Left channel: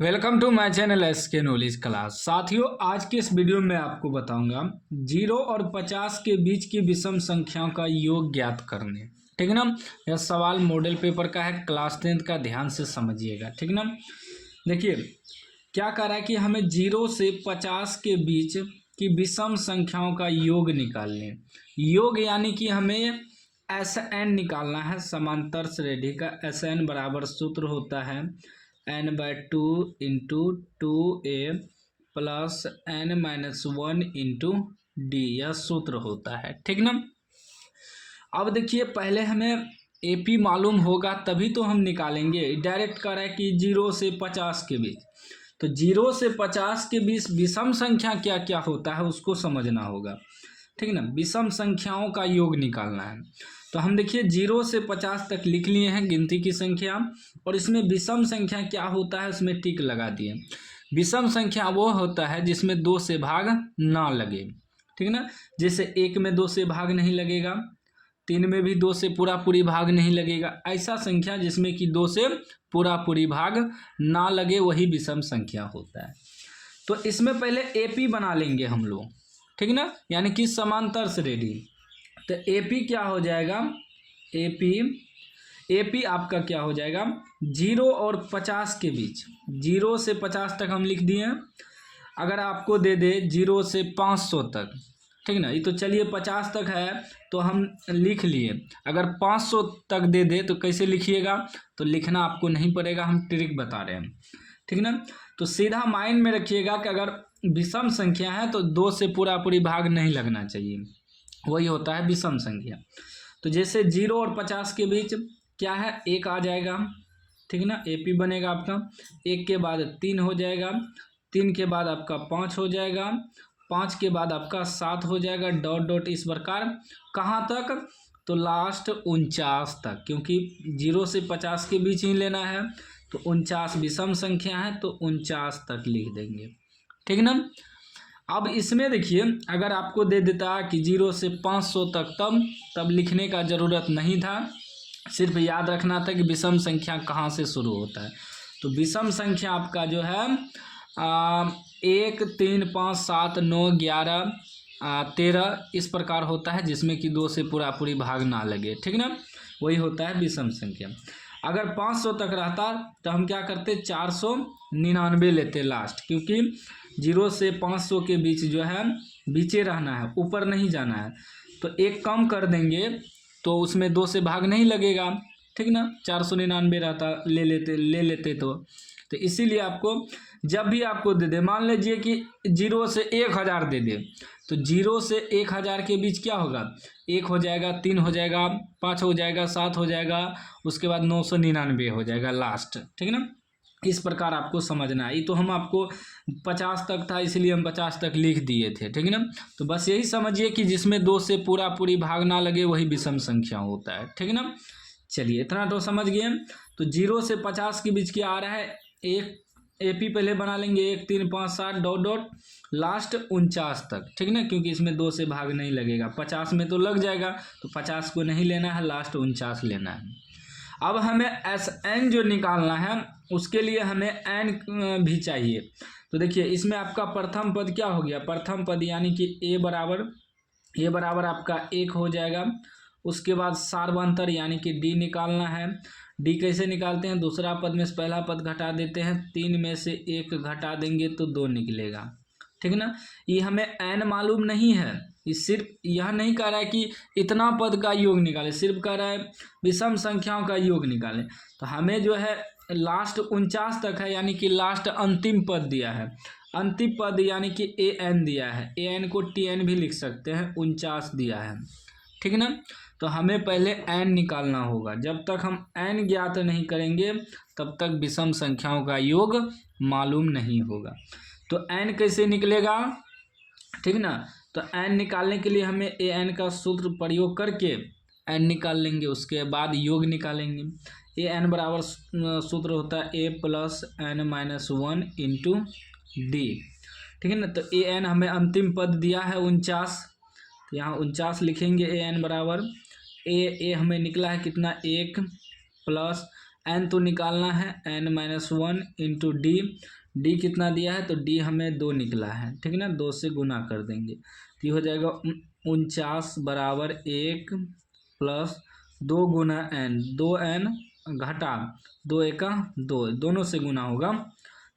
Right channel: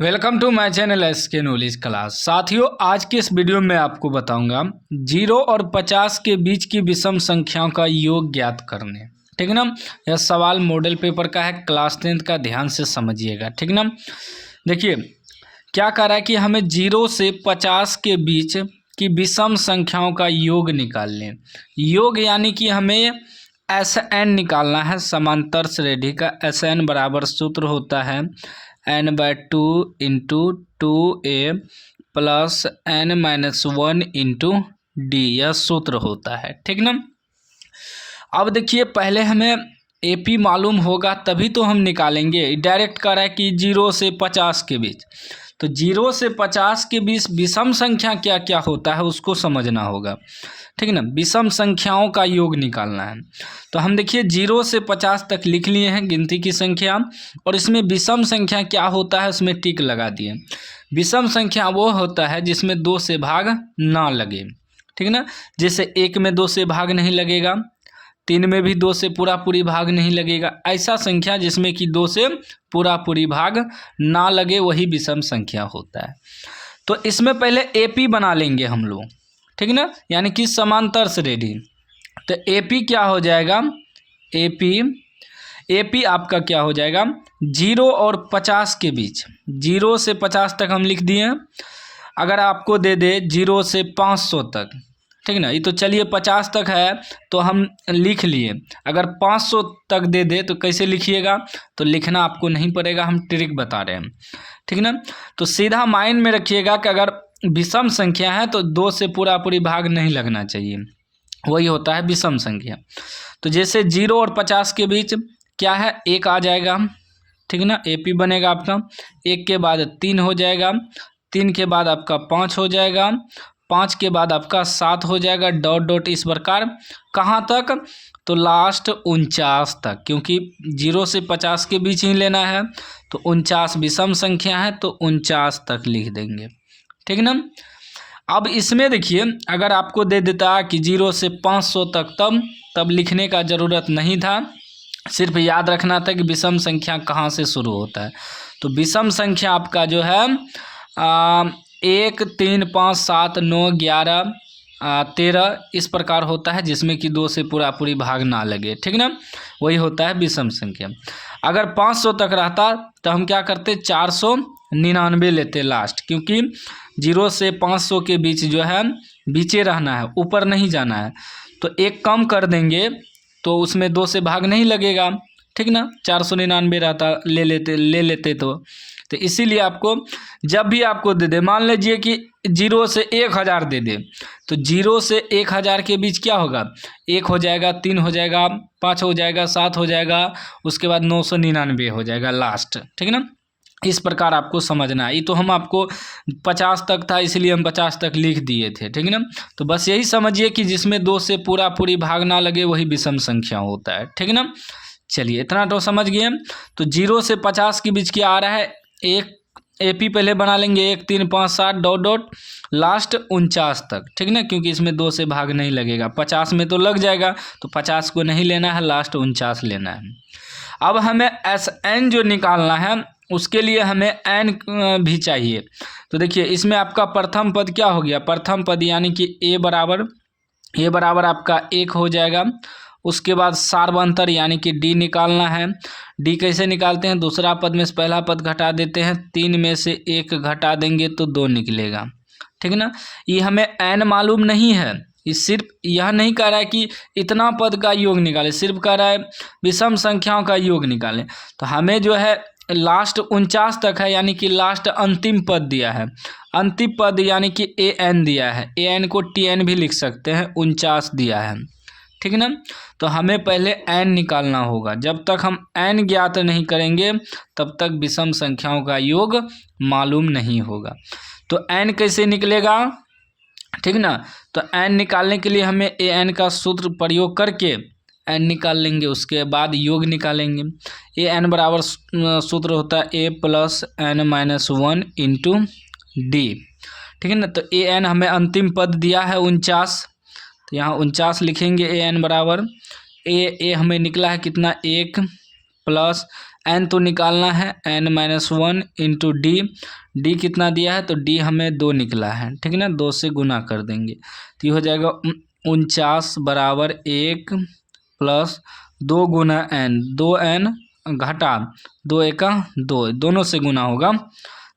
Welcome to my channel S K knowledge class. साथियों, आज के इस वीडियो में आपको बताऊंगा 0 और 50 के बीच की विषम संख्याओं का योग ज्ञात करने। ठीक है ना। यह सवाल मॉडल पेपर का है, क्लास 10 का, ध्यान से समझिएगा। ठीक ना। देखिए क्या कह रहा है कि हमें 0 से 50 के बीच की विषम संख्याओं का योग निकाल लें। योग यानी कि हमें SN निकालना है, समांतर श्रेणी का। SN बराबर सूत्र होता है n/2 into 2a plus n-1 into d, यह सूत्र होता है। ठीक ना। अब देखिए पहले हमें AP मालूम होगा तभी तो हम निकालेंगे। डायरेक्ट कर रहा है कि 0 से 50 के बीच, तो 0 से 50 के बीच विषम संख्या क्या क्या होता है उसको समझना होगा। ठीक है ना। विषम संख्याओं का योग निकालना है। तो हम देखिए 0 से 50 तक लिख लिए हैं गिनती की संख्या, और इसमें विषम संख्या क्या होता है उसमें टिक लगा दिए। विषम संख्या वो होता है जिसमें 2 से भाग ना लगे। ठीक है ना। जैसे 1 में 2 से भाग नहीं लगेगा, 3 में भी 2 से पूरा पूरी भाग नहीं लगेगा। ऐसा संख्या जिसमें कि 2 से पूरा पूरी भाग ना लगे वही विषम संख्या होता है। तो इसमें पहले AP बना लेंगे हम लोग। ठीक ना, यानी कि समांतर श्रेणी। तो AP क्या हो जाएगा, AP आपका क्या हो जाएगा 0 और 50 के बीच। 0 से 50 तक हम लिख दिए। अगर आपको दे दे 0 से 500 तक, ठीक ना, ये तो चलिए 50 तक है तो हम लिख लिए। अगर 500 तक दे दे तो कैसे लिखिएगा, तो लिखना आपको नहीं पड़ेगा, हम ट्रिक बता रहे हैं। ठीक ना। तो सीधा माइंड में रखिएगा कि अगर विषम संख्या है तो 2 से पूरा पूरी भाग नहीं लगना चाहिए, वही होता है विषम संख्या। तो जैसे 0 और 50 के बीच क्या है, 1 आ जाएगा। ठीक ना। AP बनेगा आपका। 1 के बाद 3 हो जाएगा, 3 के बाद आपका 5 हो जाएगा, 5 के बाद आपका 7 हो जाएगा, डॉट डॉट इस प्रकार। कहाँ तक, तो लास्ट 49 तक, क्योंकि 0 से 50 के बीच ही लेना है। तो 49 विषम संख्या है तो 49 तक लिख देंगे। ठीक ना। अब इसमें देखिए अगर आपको दे देता कि 0 से 500 तक, तब लिखने का ज़रूरत नहीं था, सिर्फ याद रखना था कि विषम संख्या कहाँ से शुरू होता है। तो विषम संख्या आपका जो है 1 3 5 7 9 11 13 इस प्रकार होता है, जिसमें कि 2 से पूरा पूरी भाग ना लगे। ठीक ना, वही होता है विषम संख्या। अगर 500 तक रहता तो हम क्या करते, 499 लेते लास्ट, क्योंकि 0 से 500 के बीच जो है बीचे रहना है, ऊपर नहीं जाना है। तो 1 कम कर देंगे तो उसमें 2 से भाग नहीं लगेगा। ठीक ना। 499 रहता, ले लेते तो इसीलिए आपको जब भी आपको दे दे, मान लीजिए कि 0 से 1000 दे दे, तो 0 से 1000 के बीच क्या होगा, 1 हो जाएगा, 3 हो जाएगा, 5 हो जाएगा, 7 हो जाएगा, उसके बाद 999 हो जाएगा लास्ट। ठीक है ना। इस प्रकार आपको समझना है। ये तो हम आपको 50 तक था इसलिए हम 50 तक लिख दिए थे। ठीक है ना। तो बस यही समझिए कि जिसमें 2 से पूरा पूरी भाग ना लगे वही विषम संख्या होता है। ठीक है ना। चलिए इतना तो समझ गए। तो 0 से 50 के बीच क्या आ रहा है, एक AP पहले बना लेंगे, 1 3 5 7 डॉट डॉट लास्ट 49 तक। ठीक ना, क्योंकि इसमें 2 से भाग नहीं लगेगा। 50 में तो लग जाएगा, तो 50 को नहीं लेना है, लास्ट 49 लेना है। अब हमें SN जो निकालना है उसके लिए हमें N भी चाहिए। तो देखिए इसमें आपका प्रथम पद क्या हो गया, प्रथम पद यानी कि A बराबर आपका 1 हो जाएगा। उसके बाद सार्वंतर यानी कि D निकालना है। D कैसे निकालते हैं, दूसरा पद में से पहला पद घटा देते हैं, 3 में से 1 घटा देंगे तो 2 निकलेगा। ठीक है ना। ये हमें N मालूम नहीं है, ये सिर्फ यह नहीं कह रहा है कि इतना पद का योग निकालें, सिर्फ कह रहा है विषम संख्याओं का योग निकालें। तो हमें जो है लास्ट 49 तक है, यानी कि लास्ट अंतिम पद दिया है। अंतिम पद यानी कि AN दिया है, AN को TN भी लिख सकते हैं, 49 दिया है। ठीक है ना। तो हमें पहले N निकालना होगा। जब तक हम N ज्ञात नहीं करेंगे तब तक विषम संख्याओं का योग मालूम नहीं होगा। तो N कैसे निकलेगा, ठीक ना। तो N निकालने के लिए हमें AN का सूत्र प्रयोग करके N निकाल लेंगे, उसके बाद योग निकालेंगे। AN बराबर सूत्र होता है A plus n-1 into D। ठीक है ना। तो AN हमें अंतिम पद दिया है 49, तो यहाँ 49 लिखेंगे। AN बराबर A हमें निकला है कितना, 1 प्लस n तो निकालना है, n-1 इंटू डी। डी कितना दिया है तो डी हमें 2 निकला है, ठीक है ना, 2 से गुना कर देंगे तो ये हो जाएगा 49 बराबर 1 प्लस 2 गुना n, 2n घटा 2 एका 2, दोनों से गुना होगा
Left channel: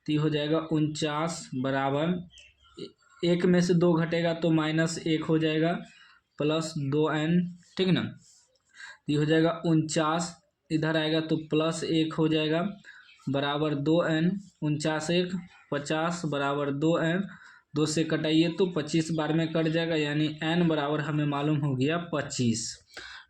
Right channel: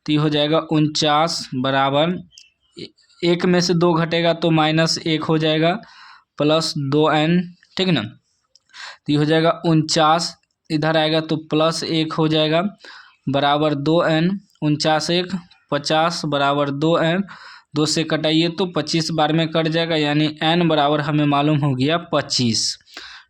तो ये हो जाएगा 49 बराबर 1 में से 2 घटेगा तो -1 हो जाएगा प्लस 2n, ठीक है ना, तो ये हो जाएगा 49, इधर आएगा तो +1 हो जाएगा बराबर 2n, 49 1 50 बराबर 2n, 2 से कटाइए तो 25 बार में कट जाएगा, यानी n बराबर हमें मालूम हो गया 25,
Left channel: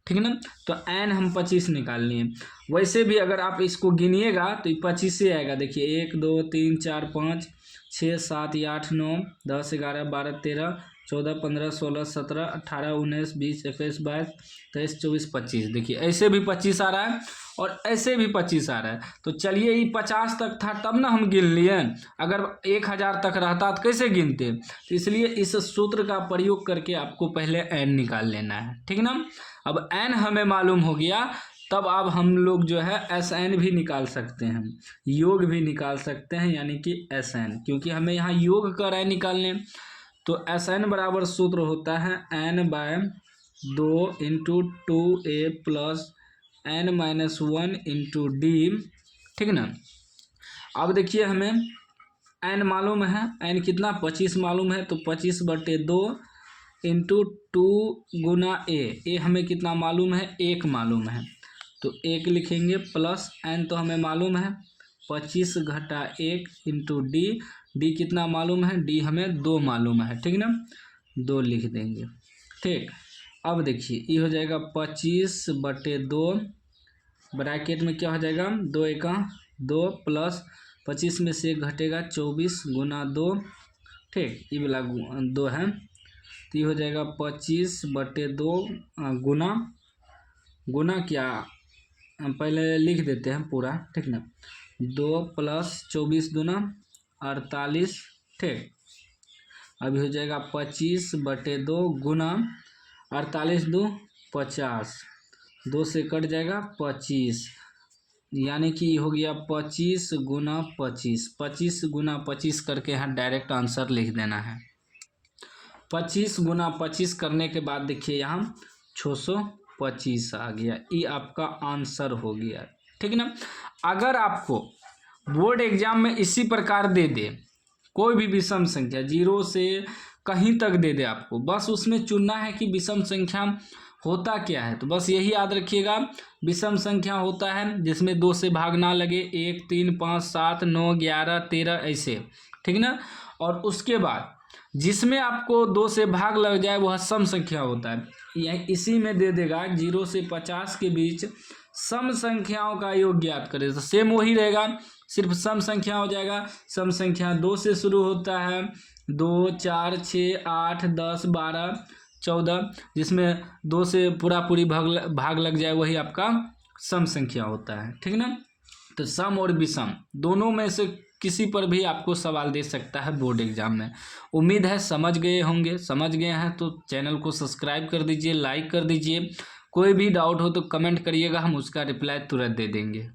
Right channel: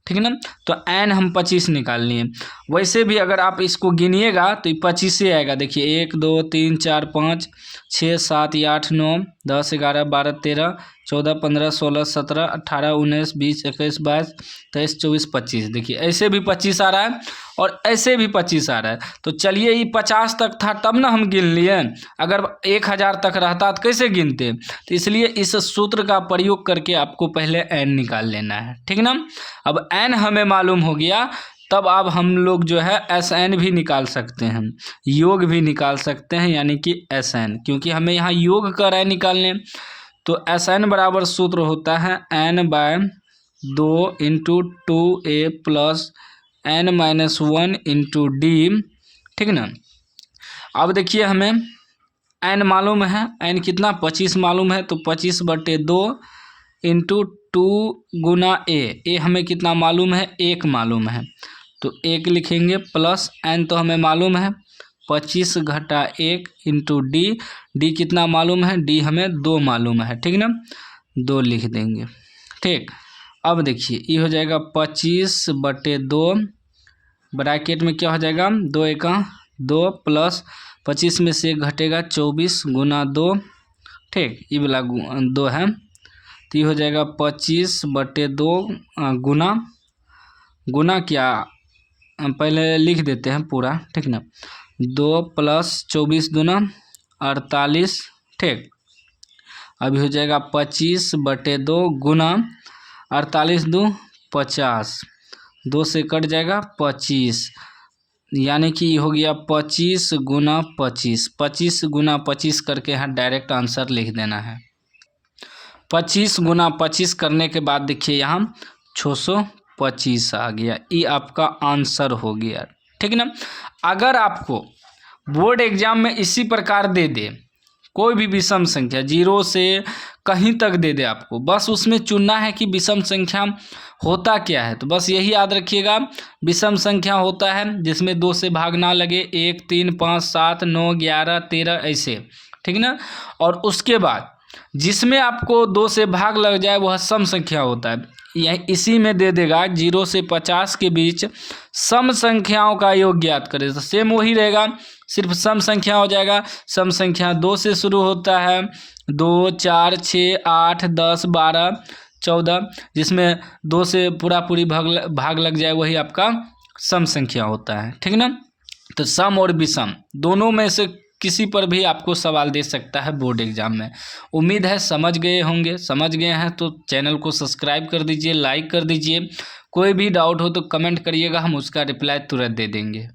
ठीक है ना। तो n हम 25 निकाल लिए। वैसे भी अगर आप इसको गिनिएगा तो ये 25 ही आएगा। देखिए 1 2 3 4 5 6 7 8 9 10 11 12 13 14 15 16 17 18 19 20 21 22 23 24 25। देखिए ऐसे भी 25 आ रहा है और ऐसे भी 25 आ रहा है। तो चलिए ये 50 तक था तब ना हम गिन लिए, अगर 1000 तक रहता तो कैसे गिनते। तो इसलिए इस सूत्र का प्रयोग करके आपको पहले n निकाल लेना है, ठीक है ना। अब n हमें मालूम हो गया, तब अब हम लोग जो है Sn भी निकाल सकते हैं, योग भी निकाल सकते हैं, यानी कि Sn, क्योंकि हमें यहाँ योग कर रहा है निकालने। तो Sn बराबर सूत्र होता है n/2 into 2a plus n-1 into D, ठीक ना। अब देखिए हमें n मालूम है, n कितना 25 मालूम है, तो 25/2 इंटू 2 गुना ए हमें कितना मालूम है 1 मालूम है, तो 1 लिखेंगे प्लस n तो हमें मालूम है 25 घटा 1 इंटू डी कितना मालूम है, डी हमें 2 मालूम है, ठीक ना, 2 लिख देंगे, ठीक। अब देखिए ये हो जाएगा 25/2, ब्रैकेट में क्या हो जाएगा 2 एका 2 प्लस 25 में से 1 घटेगा 24 गुना 2, ठीक, ये वाला 2 है, तो ये हो जाएगा 25/2 गुना क्या पहले लिख देते हैं पूरा, ठीक ना, 2 प्लस 24 दूना 48, ठीक। अभी हो जाएगा 25/2 गुना 48 2 50, 2 से कट जाएगा 25, यानी कि हो गया 25 गुना 25, 25 गुना 25 करके यहाँ डायरेक्ट आंसर लिख देना है। 25 गुना 25 करने के बाद देखिए यहाँ 625 आ गया, ये आपका आंसर हो गया, ठीक ना। अगर आपको बोर्ड एग्जाम में इसी प्रकार दे दे, कोई भी विषम संख्या 0 से कहीं तक दे दे, आपको बस उसमें चुनना है कि विषम संख्या होता क्या है। तो बस यही याद रखिएगा, विषम संख्या होता है जिसमें 2 से भाग ना लगे, 1 3 5 7 9 11 13 ऐसे, ठीक ना। और उसके बाद जिसमें आपको 2 से भाग लग जाए वह सम संख्या होता है। यह इसी में दे देगा 0 से 50 के बीच सम संख्याओं का योग ज्ञात करें, तो सेम वही रहेगा, सिर्फ सम संख्या हो जाएगा। सम संख्या 2 से शुरू होता है, 2 4 6 8 10 12 14, जिसमें 2 से पूरी भाग लग जाए वही आपका सम संख्या होता है, ठीक ना। तो सम और विषम दोनों में से किसी पर भी आपको सवाल दे सकता है बोर्ड एग्जाम में। उम्मीद है समझ गए होंगे, समझ गए हैं तो चैनल को सब्सक्राइब कर दीजिए, लाइक कर दीजिए। कोई भी डाउट हो तो कमेंट करिएगा, हम उसका रिप्लाई तुरंत दे देंगे।